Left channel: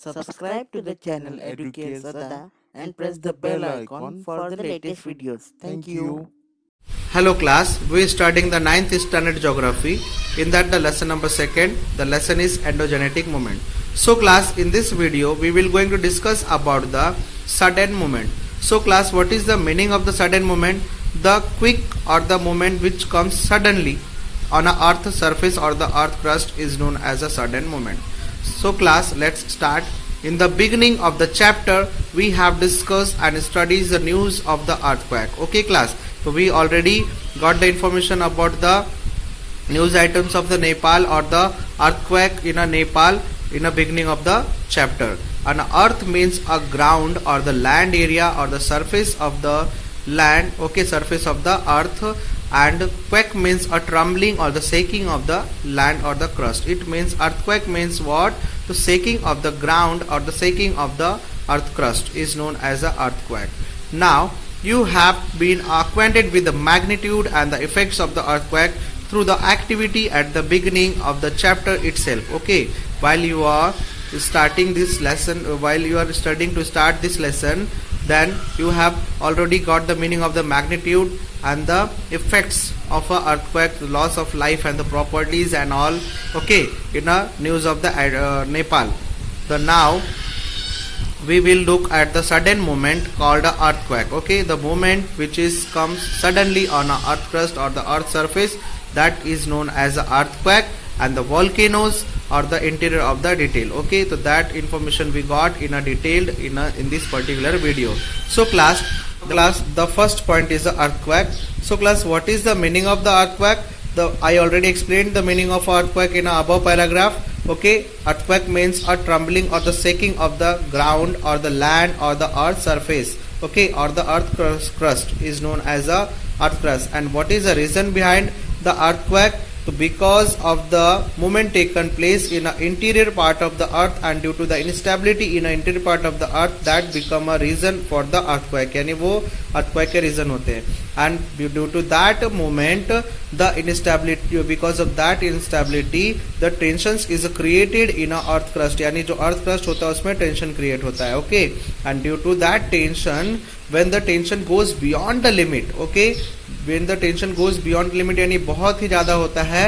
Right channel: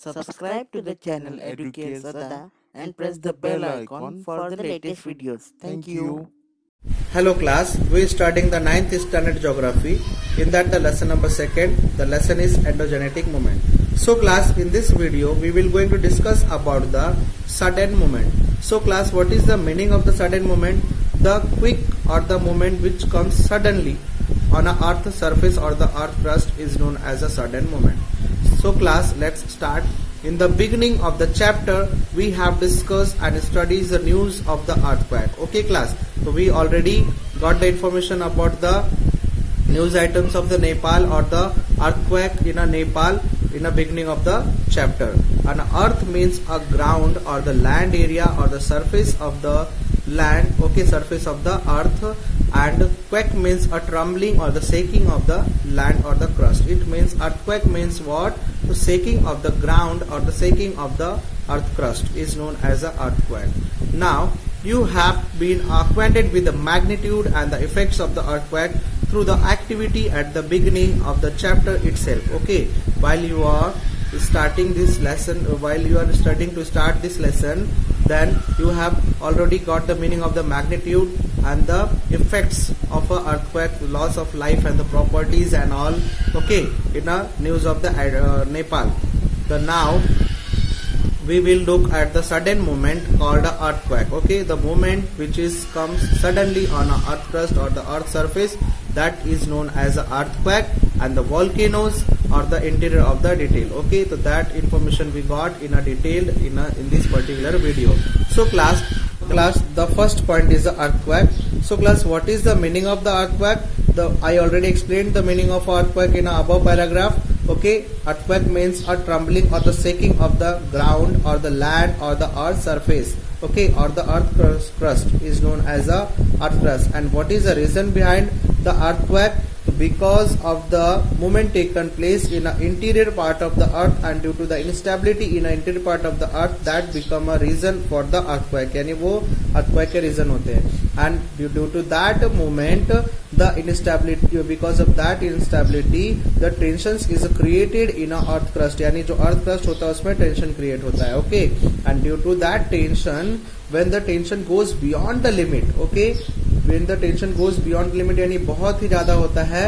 Subscribe to the channel Educate Sada and press the bell icon for the latest videos. Thank you. Hello class, we are starting the 9th standard geography. In that the lesson number 2nd, the lesson is endogenetic moment. So class, in this video we will going to discuss about the sudden moment. So class, what is the meaning of the sudden moment? The quick or the moment which comes suddenly on a earth surface or the earth crust is known as a sudden moment. So class, let's start. In the beginning of the chapter, we have discussed and studied the news of the earthquake. Okay class, so we already got the information about the news items of the Nepal or the earthquake in a Nepal in the beginning of the chapter. And earth means a ground or the land area or the surface of the land, okay, surface of the earth, and quake means a trembling or the shaking of the land or the crust. It means earthquake means what? The shaking of the ground or the shaking of the earth crust is known as a earthquake. Now you have been acquainted with the magnitude and the effects of the earthquake through the activity at the beginning of the chapter itself. Okay, while you are starting this lesson, while you are studying to start this lesson, then you have already got the meaning of the magnitude and the effects of a earthquake, the loss of life and the properties and all, okay, in a news of the Nepal. So now we will look at the sudden moment called a earthquake. Okay, the moment which is comes suddenly on a earth crust or the earth surface, that is known as a earthquake, and the volcanoes or the interior of the detail. Okay, so that information we got in a detailed in this particular video. So class, the first point is the earthquake. So class, what is the meaning of the earthquake? I already explained the meaning of earthquake in a above paragraph. Okay, earthquake means a trembling or the shaking of the ground or the land or the earth surface, okay, or the earth crust is known as a earth crust. And what is the reason behind the earthquake? So because of the movement taken place in the interior part of the earth, and due to the instability in the interior part of the earth, that become a reason for the earthquake, यानी वो earthquake के reason होते हैं. And due to that movement, the instability, because of that instability, the tensions is created in a earth crust, यानी जो earth crust होता है उसमें tension create होता है. Okay, and due to that tension, when the tension goes beyond the limit, okay, when the tension goes beyond limit यानी बहुत ही ज्यादा होता है,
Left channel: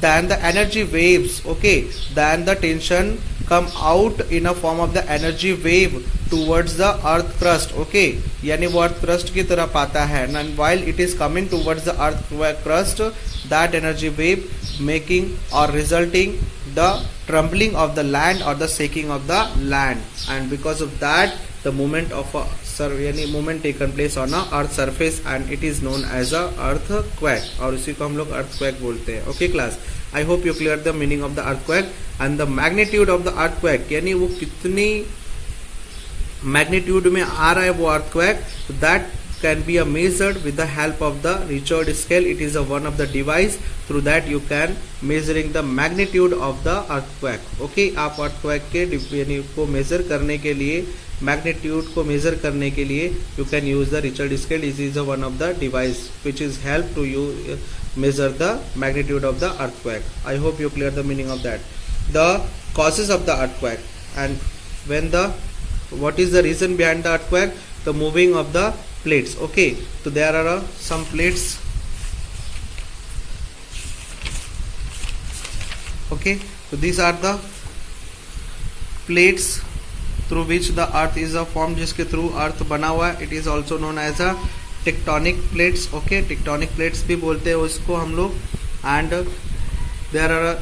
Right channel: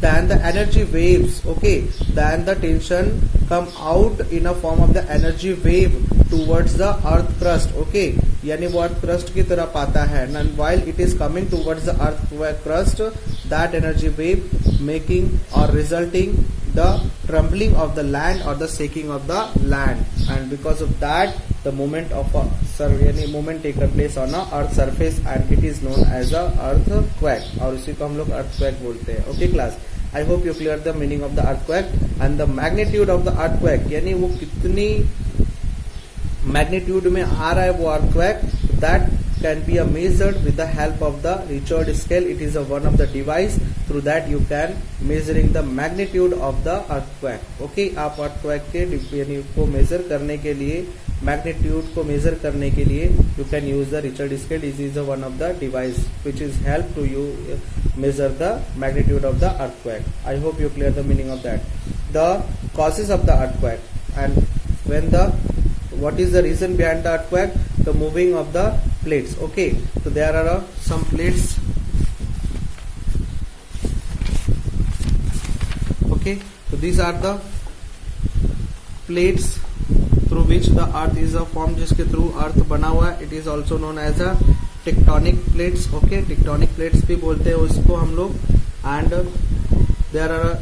then the energy waves, okay, then the tension come out in a form of the energy wave towards the earth crust. Okay, यानी वो earth crust की तरफ आता है, and while it is coming towards the earth crust, that energy wave making or resulting the trembling of the land or the shaking of the land, and because of that the movement of a movement taken place on a earth surface, and it is known as a earthquake, और इसी को हम लोग earthquake बोलते हैं. Okay class, I hope you clear the meaning of the earthquake and the magnitude of the earthquake, यानी वो कितनी magnitude में आ रहा है वो earthquake, that can be measured with the help of the Richard scale. It is one of the device through that you can measuring the magnitude of the earthquake. Okay, आप earthquake के यानी को measure करने के लिए, magnitude को measure करने के लिए you can use the Richard scale. This is one of the device which is help to you measure the magnitude of the earthquake. I hope you clear the meaning of that. The causes of the earthquake, and when the what is the reason behind the earthquake? The moving of the plates. Okay, so there are some plates. Okay, so these are the plates through which the earth is formed, जिसके through earth बना हुआ है. It is also known as a tectonic plates. Okay, tectonic plates भी बोलते हैं उसको हम लोग. And there are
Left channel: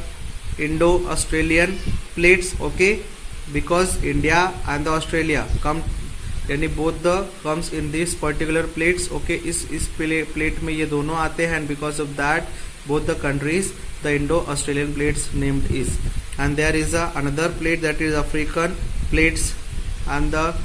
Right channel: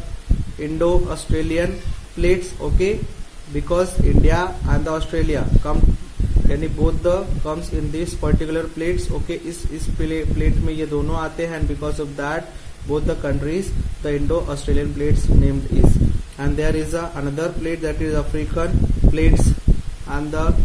Indo-Australian plates. Okay, because India and the Australia come, यानी both the comes in this particular plates. Okay, इस plate में ये दोनों आते हैं, and because of that both the countries the Indo-Australian plates named is. And there is another plate, that is African plates and the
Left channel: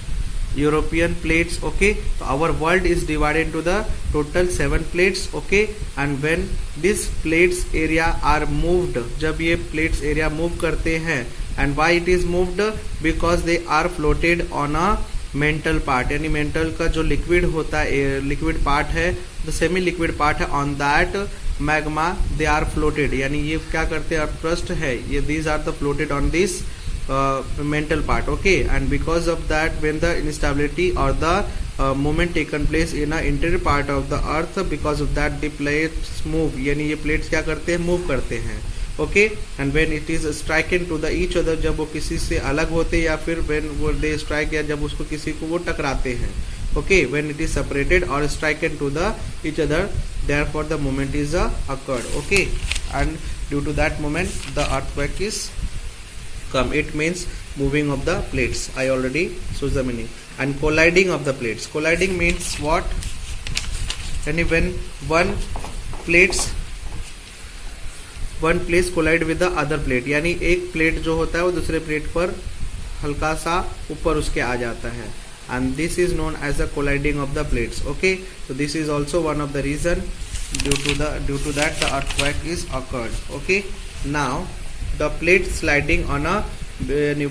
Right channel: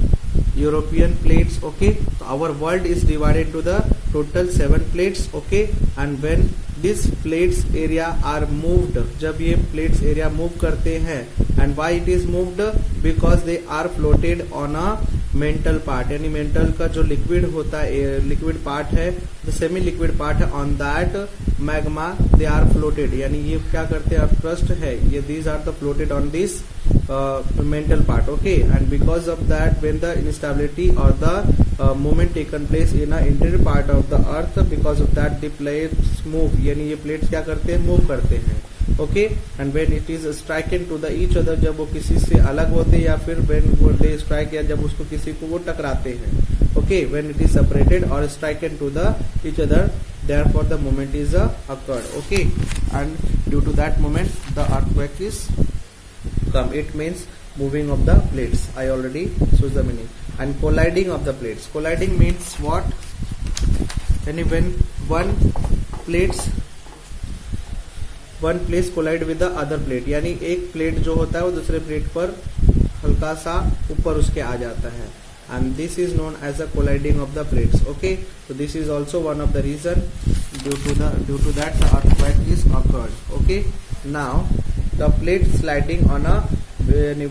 European plates. Okay, so our world is divided into the total 7 plates. Okay, and when these plates area are moved, जब ये plates area move करते हैं, and why it is moved? Because they are floated on a mental part, यानी mental का जो liquid होता है, liquid part है, द सेमी लिक्विड पार्ट है, on that magma they are floated, यानी ये क्या करते हैं, क्रस्ट है ये, these are the floated on this mental part. Okay, and because of that, when the instability or the movement taken place in a interior part of the earth, because of that the plates move, यानी ये plates क्या करते हैं, move करते हैं. Okay, and when it is striking to the each other, जब वो किसी से अलग होते हैं, या फिर when वो they strike, या जब उसको किसी को वो टकराते हैं. Okay, when it is separated or striken to the each other, therefore the movement is occurred. Okay, and due to that moment the earthquake is come. It means moving of the plates. I already shows the meaning. And colliding of the plates. Colliding means what? And when one place collide with the other plate, यानी एक plate जो होता है वो दूसरे plate पर हल्का सा ऊपर उसके आ जाता है, and this is known as the colliding of the plates. Okay, so this is also one of the reason due to that the earthquake is occurred. Okay, now the plate sliding on a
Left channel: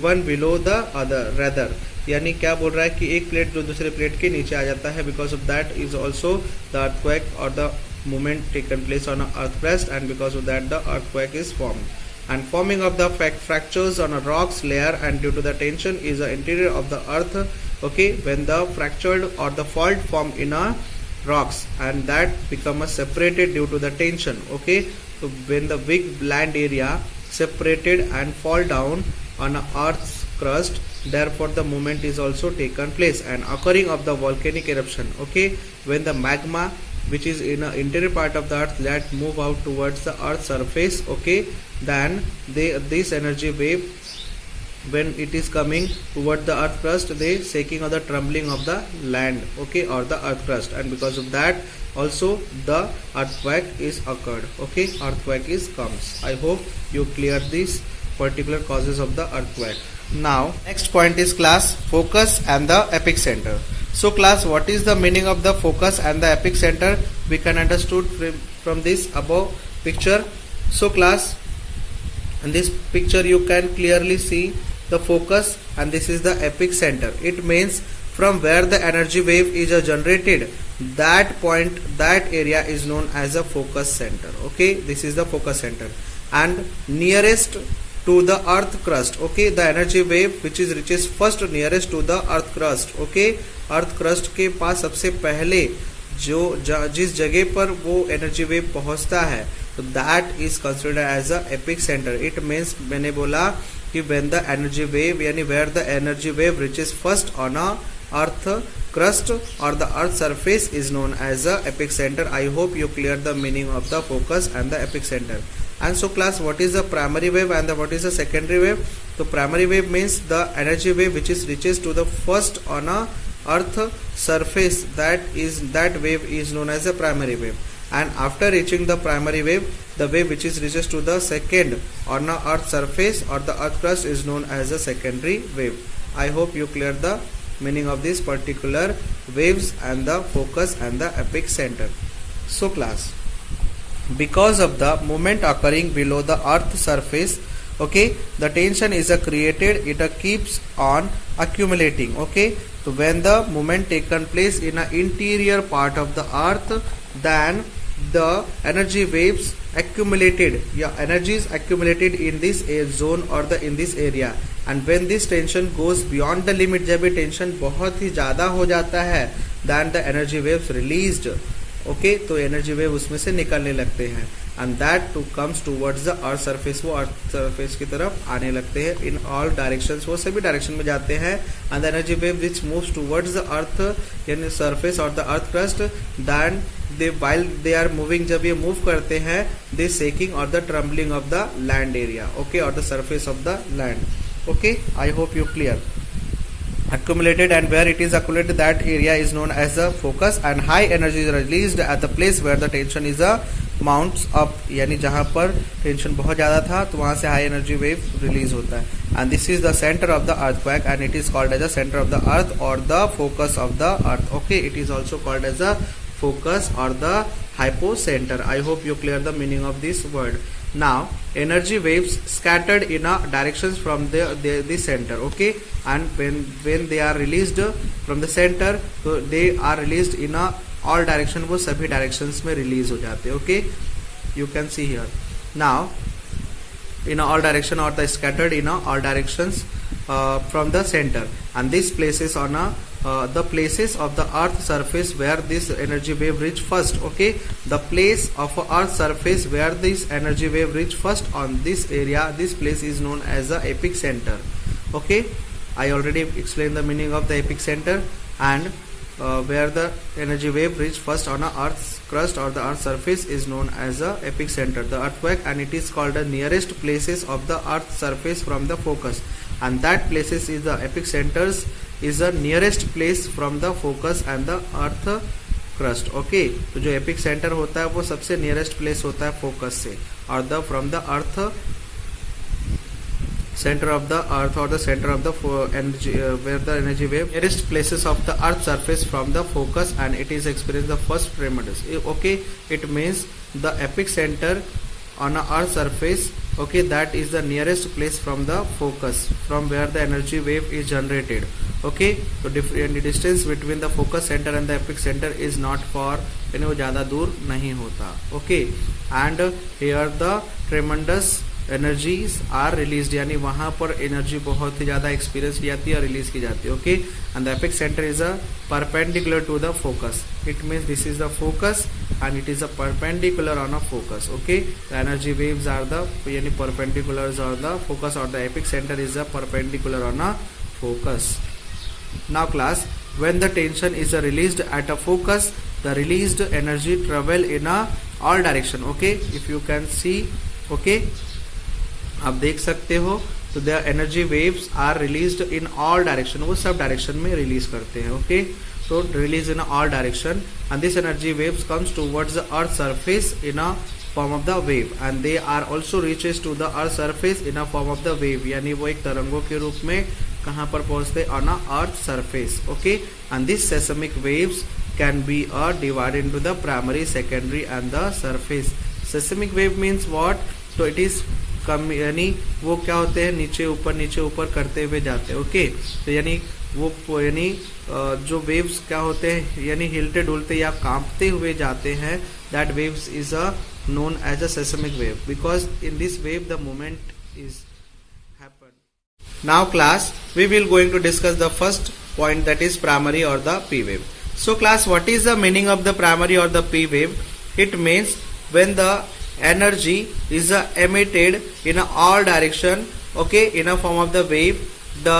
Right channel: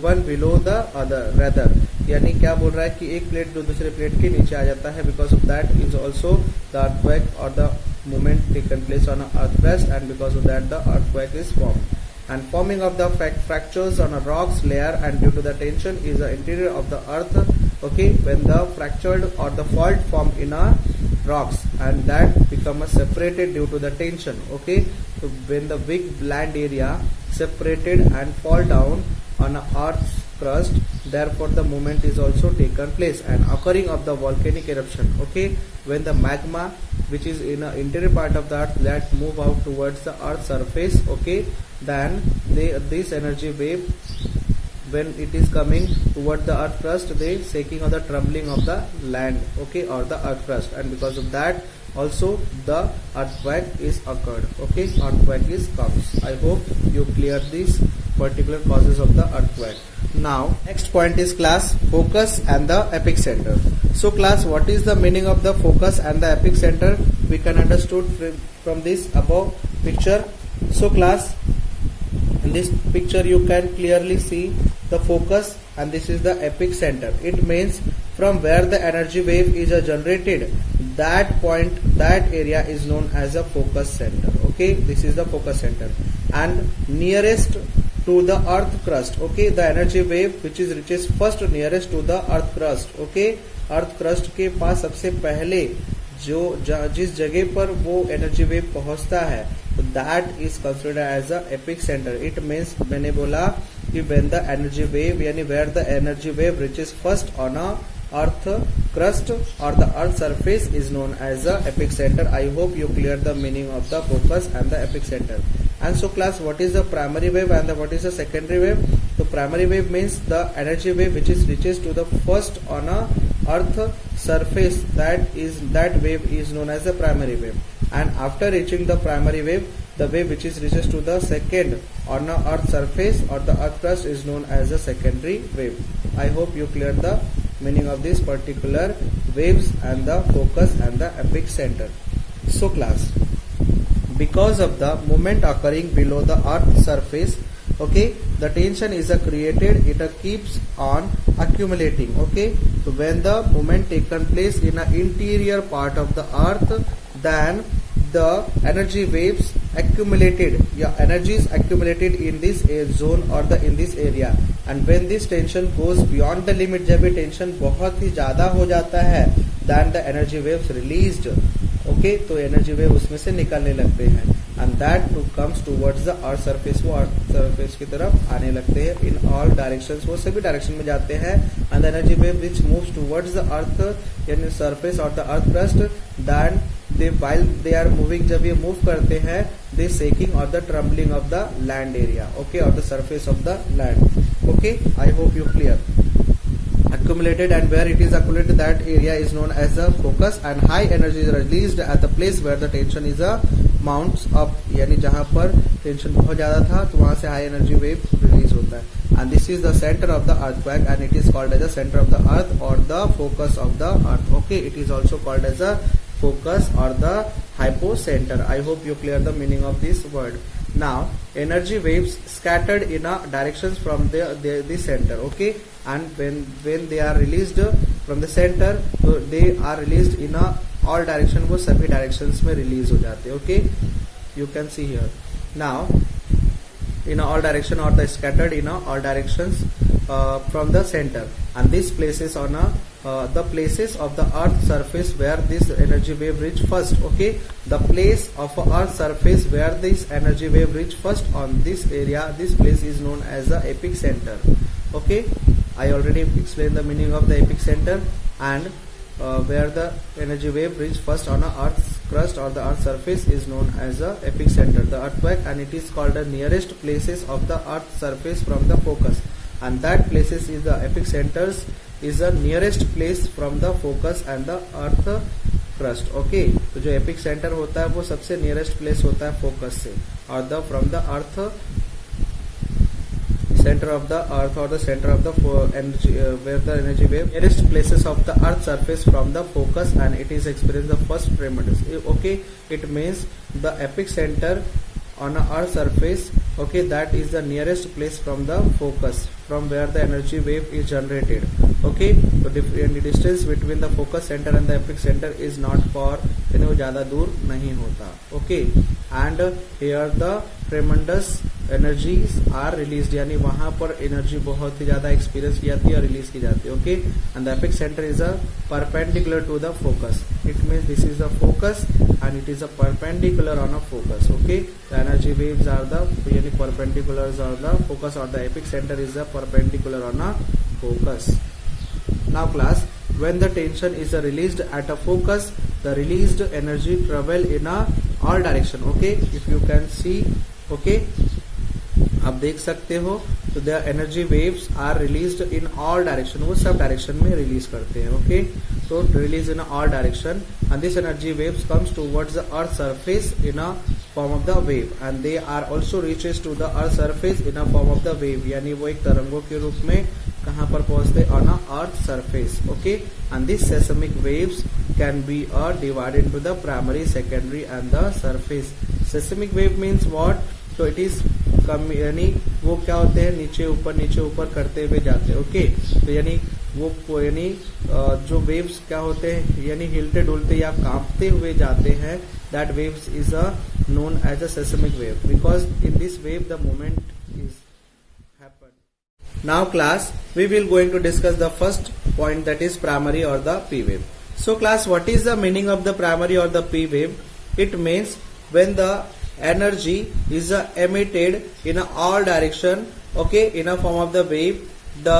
one below the other, rather, यानी क्या बोल रहा है कि एक plate जो दूसरे plate के नीचे आ जाता है, because of that is also the earthquake or the movement taken place on a earth crust, and because of that the earthquake is formed. And forming of the fractures on a rocks layer, and due to the tension is the interior of the earth. Okay, when the fractured or the fault form in a rocks, and that become a separated due to the tension. Okay, so when the big land area separated and fall down on a earth's crust, therefore the movement is also taken place. And occurring of the volcanic eruption. Okay, when the magma which is in the interior part of the earth that move out towards the earth's surface, okay, then this energy wave, when it is coming toward the earth crust, they shaking or the trembling of the land, okay, or the earth crust, and because of that also the earthquake is occurred. Okay, earthquake is comes. I hope you clear these particular causes of the earthquake. Now next point is class focus and the epicenter. So class, what is the meaning of the focus and the epicenter? We can understood from this above picture. So class, in this picture you can clearly see the focus, and this is the epicenter. It means from where the energy wave is generated, that point, that area is known as a focus center. Okay, this is the focus center. And nearest to the earth crust, okay, the energy wave which is reaches first nearest to the earth crust. Okay, earth crust के पास सबसे पहले जो जिस जगह पर वो energy wave पहुंचता है, तो that is considered as a epicentre. It means, मैंने बोला कि व्हेन द एनर्जी वेव, यानी where the energy wave reaches first on a earth crust or the earth surface is known as a epic center. I hope you clear the meaning of the focus and the epic center. And so class, what is the primary wave and what is the secondary wave? So primary wave means the energy wave which is reaches to the first on a earth surface, that wave is known as a primary wave. And after reaching the primary wave, the wave which is reaches to the second on a earth surface or the earth crust is known as a secondary wave. I hope you clear the meaning of these particular waves and the focus and the epic center. So class, because of the movement occurring below the earth surface, okay, the tension is created, it keeps on accumulating. Okay, so when the movement taken place in an interior part of the earth, then the energy waves accumulated, energies accumulated in this zone or the in this area. And when this tension goes beyond the limit, जब ये tension बहुत ही ज्यादा हो जाता है, then the energy waves released. Okay, तो energy wave उसमें से निकलने लगते हैं, and that too comes towards the earth surface, वो अर्थ सरफेस की तरफ आने लगते हैं in all directions, वो सभी डायरेक्शन में जाते हैं. and the energy wave which moves towards the earth यानी surface or the earth crust, then while they are moving, जब ये मूव करते हैं, they shaking or the trembling of the land area, okay, or the surface of the land. Okay, I hope you clear. Accumulated, and where it is accumulated, that area is known as the focus. And high energy is released at the place where the tension is mounts up, यानी जहाँ पर tension बहुत ज्यादा था, तो वहां से high energy wave release होता है. And this is the center of the earthquake, and it is called as the center of the earth or the focus of the earth. Okay, it is also called as a focus or the hypocenter. I hope you clear the meaning of this word. Now energy waves scattered in a directions from the center, okay, and when they are released from the center, so they are released in a all direction, वो सभी directions में release हो जाते हैं, okay. You can see here now in all direction or the scattered in all directions from the center, and these places on the places of the earth surface where this energy wave reach first, okay. The place of earth surface where this energy wave reach first on this area, this place is known as the epic center, okay. I already explained the meaning of the epic center, and where the energy wave reach first on a earth's crust or the earth surface is known as the epic center, the earthquake, and it is called the nearest places of the earth surface from the focus, and that places is the epic centers is the nearest place from the focus and the earth crust, okay. तो जो epic center होता है वो सबसे nearest place होता है focus से, और the from the earth center of the earth or the center of the energy where the energy wave nearest places of the earth surface from the focus, and it is experienced the first tremendous, okay. It means the epic center on a earth surface, okay, that is the nearest place from the focus from where the energy wave is generated, okay. So the distance between the focus center and the epic center is not far, यानी वो ज़्यादा दूर नहीं होता, okay. And here the tremendous energies are released, यानी वहाँ पर energy बहुत ही ज़्यादा एक्सपीरियंस की जाती है और रिलीज की जाती है, okay. And the epic center is a perpendicular to the focus. It means this is the focus and it is a perpendicular on a focus, okay. The energy waves are the यानी perpendiculars on the focus, or the epic center is a perpendicular on a focus. Now class, when the tension is released at a focus, the released energy travel in a all direction, okay. If you can see, okay, आप देख सकते हो, तो the energy waves are released in all direction, वो सब direction में release करते हैं, ओके. तो release in all direction, and this energy waves comes towards the earth surface in a form of the wave, and they are also reaches to the earth surface in a form of the wave, यानी वो एक तरंगों के रूप में कहाँ पर पहुंचते, on a earth surface, okay. And this seismic waves can be divided into the primary, secondary and the surface. Seismic wave means what, तो इट इज कम, यानी वो क्या होते हैं, नीचे ऊपर करते हुए जाते हैं, ओके. तो यानी वो यानी जो वेव्स क्या होते हैं, यानी हिलते डुलते या कांपते हुए जाते हैं, that waves is a known as a seismic wave, because in this wave the moment is happen. Now class, we will going to discuss the first point, that is primary और the P wave. So class, what is the meaning of the primary और the P wave? It means when the energy is emitted in all direction, okay, in a form of the wave, the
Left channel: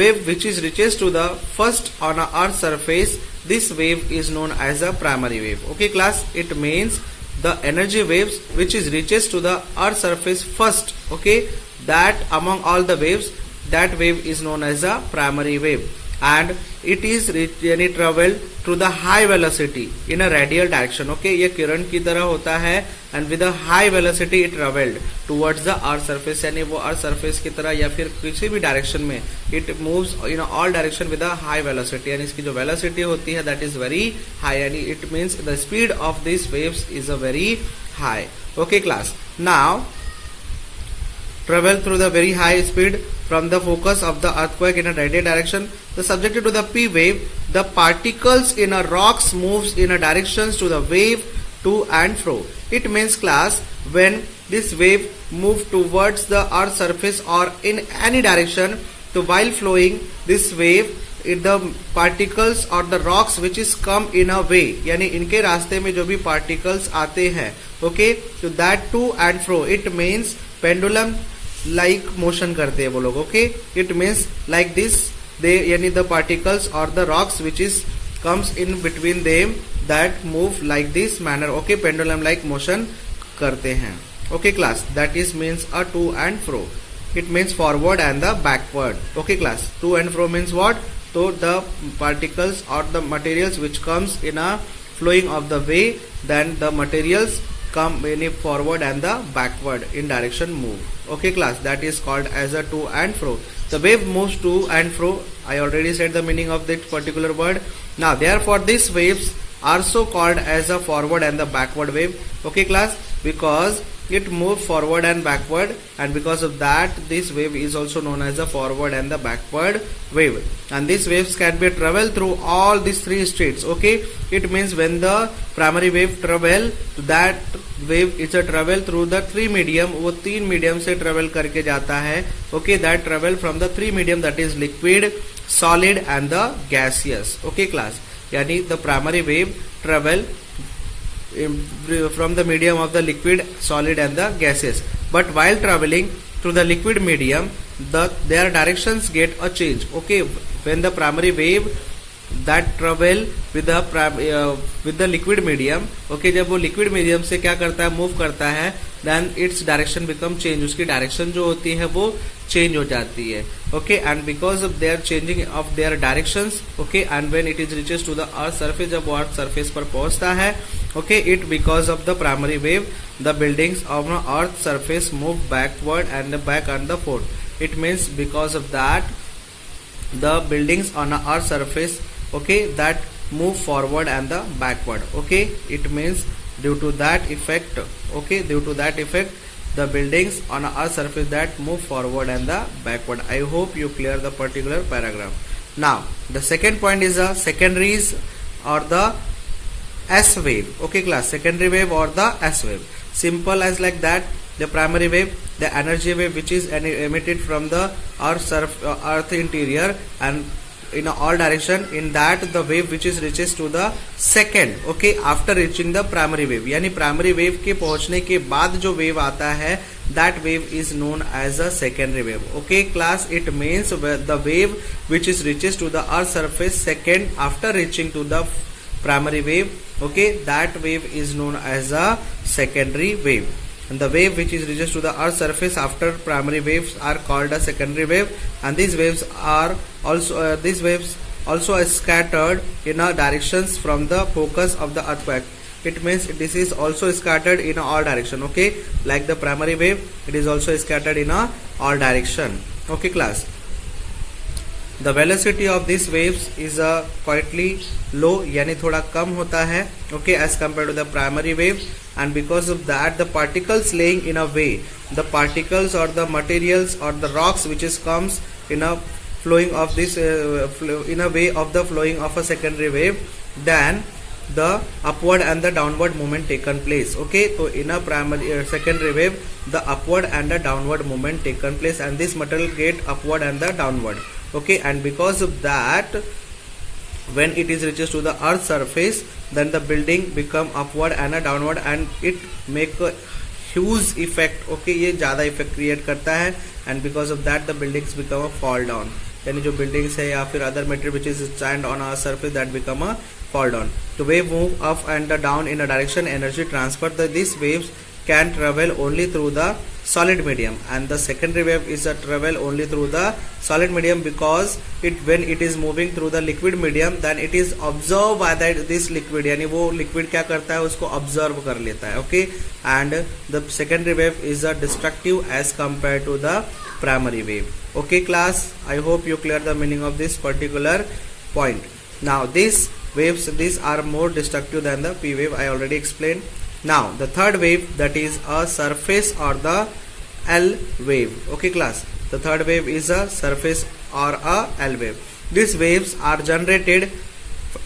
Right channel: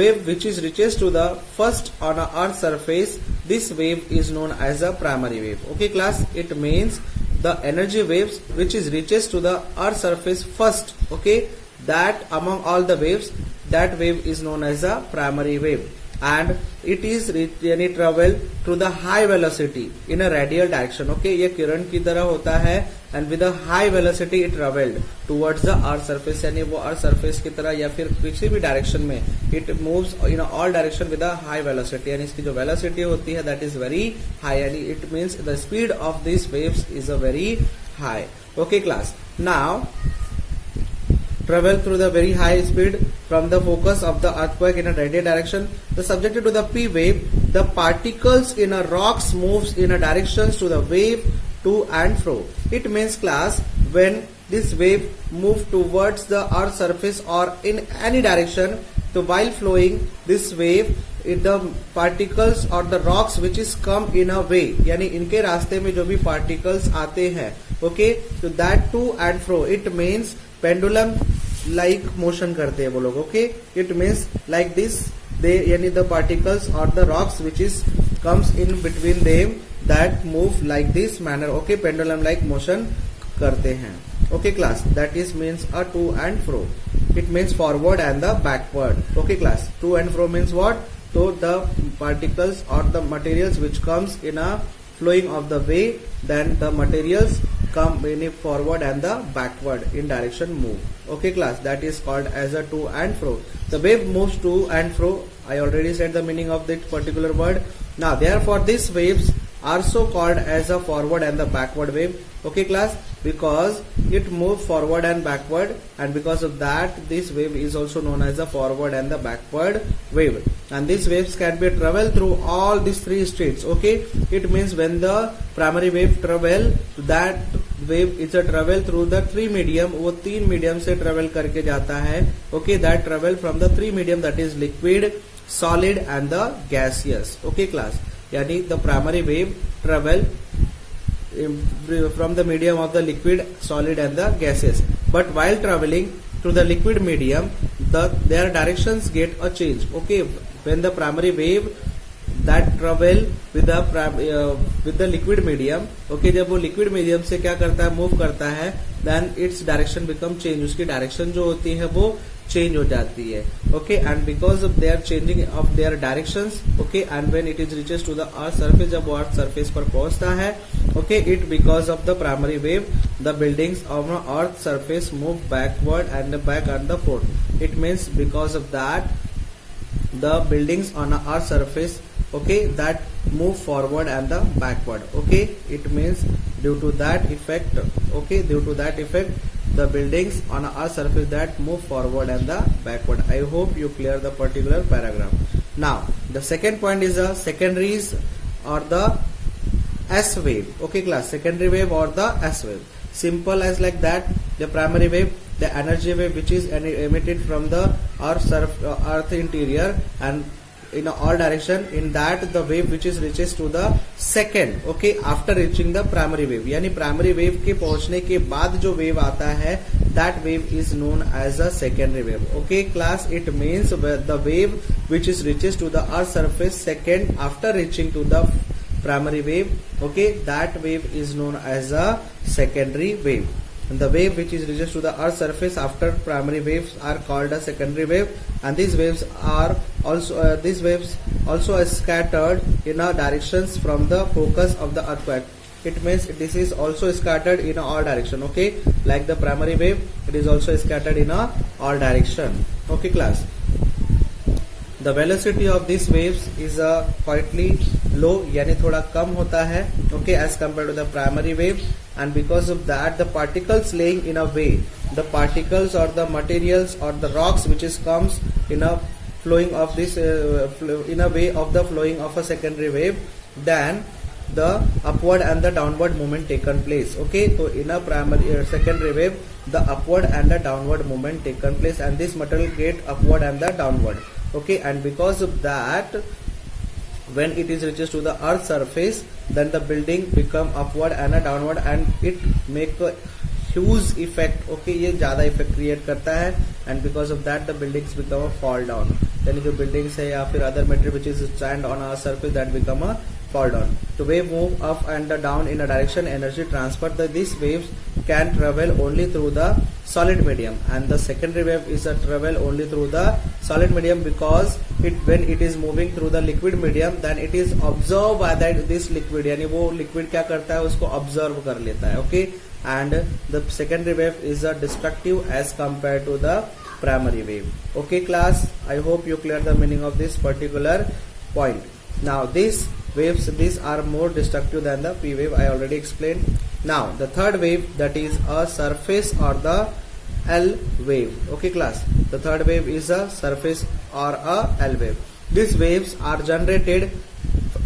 wave which is reaches to the first on a earth surface, this wave is known as a primary wave, okay class. It means the energy waves which is reaches to the earth surface first, okay, that among all the waves, that wave is known as a primary wave, and it is यानी travel through the high velocity in a radial direction, okay. ये किरण की तरह होता है, and with a high velocity it traveled towards the earth surface, यानी वो earth surface की तरह या फिर किसी भी डायरेक्शन में it moves in all direction with a high velocity, यानी इसकी जो velocity होती है that is very high, यानी it means the speed of these waves is a very high, okay class. Now travel through the very high speed from the focus of the earthquake in a radial direction. The subjected to the P wave, the particles in a rocks moves in a directions to the wave to and fro. It means class, when this wave move towards the earth surface or in any direction, so while flowing this wave, the particles or the rocks which is come in a way, यानी इनके रास्ते में जो भी particles आते हैं, okay, so that to and fro, it means pendulum like motion करते हैं वो लोग, okay. It means like this, they यानी द पार्टिकल्स और the rocks which is comes in between them, that move like this manner, okay. Pendulum like motion करते हैं, okay class. That is means a to and fro. It means forward and the backward, okay class. To and fro means what, तो the particles और the materials which comes in a flowing of the way, then the materials come in forward and the backward in direction move, okay class. That is called as a to and fro. The wave moves to and fro. I already said the meaning of that particular word. Now therefore these waves are so called as a forward and the backward wave, okay class, because it move forward and backward, and because of that this wave is also known as the forward and the backward wave. And these waves can be travel through all these three states. Okay, it means when the primary wave travel, that wave is a travel through the three medium, वो तीन medium से travel करके जाता है. Okay, that travel from the three medium, that is liquid, solid and the gaseous. Okay class, यानी the primary wave travel from the medium of the liquid, solid and the gases. But while traveling through the liquid medium, their directions get a change. Okay, when the primary wave that travel with the liquid medium, okay, जब वो liquid medium से क्या करता है, move करता है, then its direction become change. उसकी direction जो होती है वो change हो जाती है. Okay, and because of their changing of their directions, okay, and when it is reaches to the earth surface, जब वो earth surface पर पहुंचता है, okay, it because of the primary wave, the buildings of the earth surface move backward and back and the forth. It means because of that the buildings on the earth surface, okay, that move forward and the backward. Okay, it means due to that effect, okay, due to that effect the buildings on a surface that move forward and the backward. I hope you clear the particular paragraph. Now the second point is the secondaries or the S wave. Okay class, secondary wave or the S wave. Simple as like that. The primary wave, the energy wave which is emitted from the earth interior and in all direction, in that the wave which is reaches to the second, okay, after reaching the primary wave, यानी primary wave के पहुंचने के बाद जो wave आता है, that wave is known as a secondary wave. Okay class, it means the wave which is reaches to the earth surface second after reaching to the primary wave, okay, that wave is known as a secondary wave. And the wave which is reaches to the earth surface after primary waves are called a secondary wave, and these waves are also scattered in a directions from the focus of the earthquake. It means this is also scattered in all direction. Okay, like the primary wave, it is also scattered in all direction. Okay class, the velocity of these waves is quietly low, यानी थोड़ा कम होता है, okay, as compared to the primary wave. And because of that the particles laying in a way, the particles or the materials or the rocks which is comes in a flowing of this in a way of the flowing of a secondary wave, then the upward and the downward movement taken place. Okay, so in a primary secondary wave the upward and the downward movement taken place, and this material get upward and the downward. Okay, and because of that when it is reaches to the earth surface, then the building become upward and a downward, and it make a huge effect. Okay, ये ज़्यादा effect create करता है, and because of that the buildings become a fall down. यानी जो buildings है या फिर other material which is stand on our surface, that become a fall down. The wave move up and down in a direction, energy transfer. These waves can travel only through the solid medium, and the secondary wave is a travel only through the solid medium, because when it is moving through the liquid medium, then it is observed by that this liquid, यानी वो liquid क्या करता है, उसको observe कर लेता है. Okay, and the secondary wave is a destructive as compared to the primary wave. Okay class, I hope you clear the meaning of this particular point. Now these waves, these are more destructive than the P wave, I already explained. Now the third wave, that is a surface or the L wave. Okay class, the third wave is a surface or a L wave. These waves are generated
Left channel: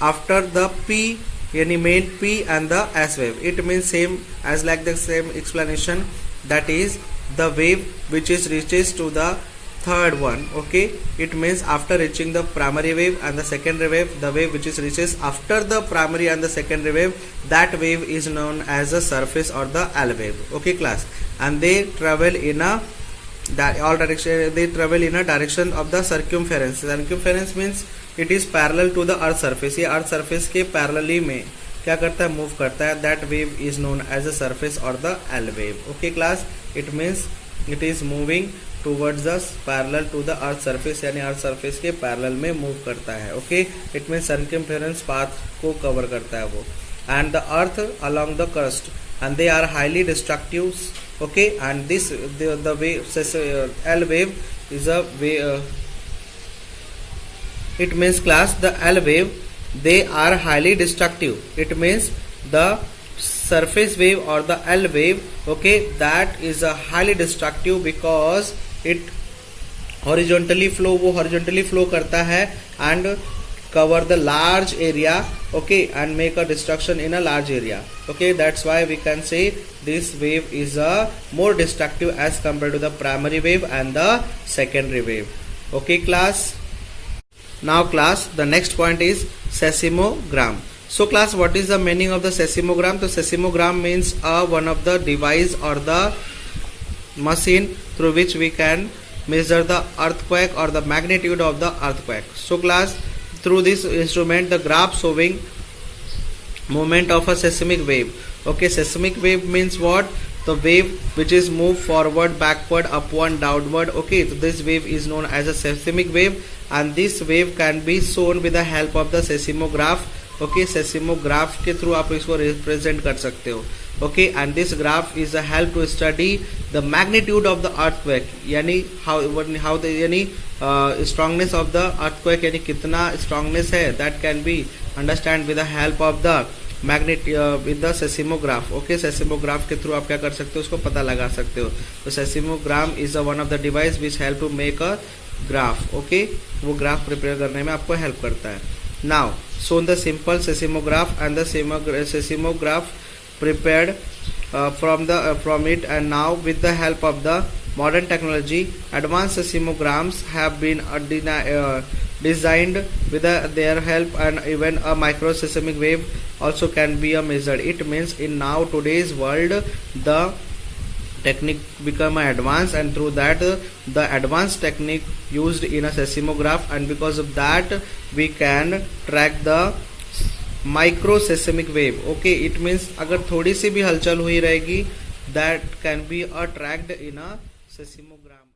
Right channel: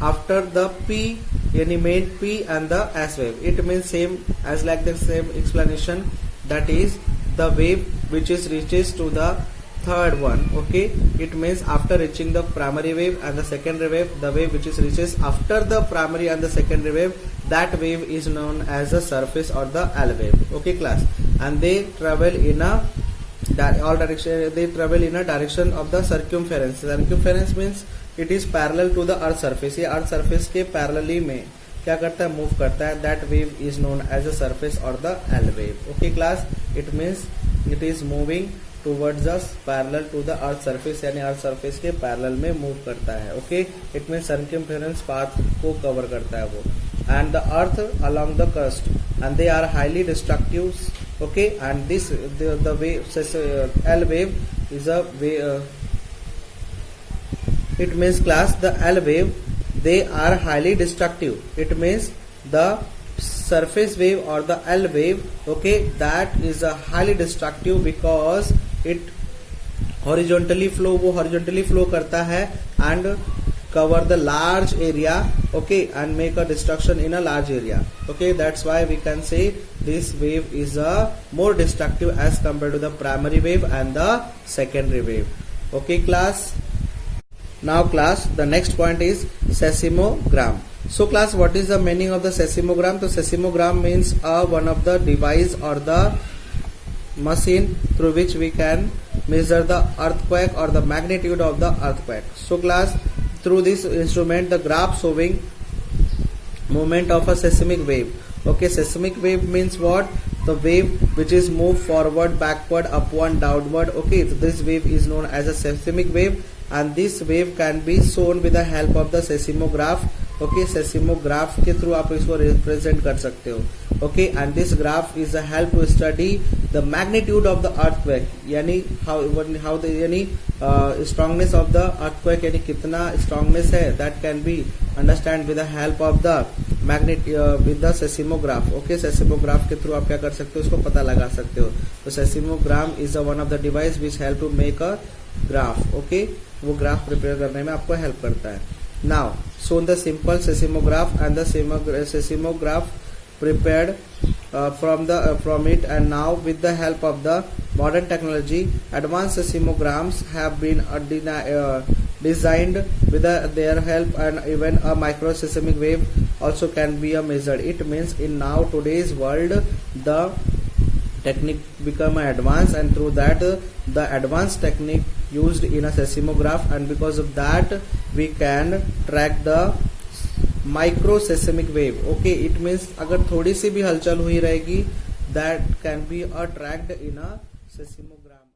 after the P, yani main P and the S wave. It means same as like the same explanation, that is the wave which is reaches to the third one. Okay, it means after reaching the primary wave and the secondary wave, the wave which is reaches after the primary and the secondary wave, that wave is known as the surface or the L wave. Okay class, and they travel in a all direction, they travel in a direction of the circumference. Circumference means it is parallel to the earth surface. ये earth surface के parallelly में क्या करता है, move करता है. That wave is known as the surface or the L wave. Okay class, it means it is moving towards the parallel to the earth surface, यानी earth surface के parallel में move करता है. Okay, it means circumference path को cover करता है वो. And the earth along the crust, and they are highly destructive. Okay, and this the wave L wave is a way. It means class, the L wave, they are highly destructive. It means the surface wave or the L wave, okay, that is a highly destructive because it horizontally flow, वो horizontally flow करता है and cover the large area, okay, and make a destruction in a large area, okay. That's why we can say this wave is a more destructive as compared to the primary wave and the secondary wave, okay class. Now class, the next point is seismogram. So class, what is the meaning of the seismogram? So seismogram means one of the device or the machine through which we can measure the earthquake or the magnitude of the earthquake. So class, through this instrument the graph showing movement of a seismic wave, okay. Seismic wave means what? The wave which is moved forward, backward, upward, downward, okay. So this wave is known as a seismic wave, and this wave can be shown with the help of the seismograph, okay. seismograph के through आप इसको represent कर सकते हो, okay. And this graph is a help to study the magnitude of the earthquake, यानी how the यानी strongness of the earthquake, यानी कितना strongness है, that can be understand with the help of the with the seismograph, okay. seismograph के through आप क्या कर सकते हो, उसको पता लगा सकते हो. तो seismogram is one of the device which help to make a graph, okay. वो ग्राफ प्रिपेयर करने में आपको हेल्प करता है. Now shown the simple seismograph and the seismograph prepared from it, and now with the help of the modern technology, advanced seismograms have been designed with their help, and even a micro seismic wave also can be measured. It means in now today's world the technique become advanced, and through that the advanced technique used in a seismograph, and because of that we can track the micro seismic wave, okay. It means अगर थोड़ी सी भी हलचल हुई रहेगी, that can be a tracked in a सेस्मोग्राम.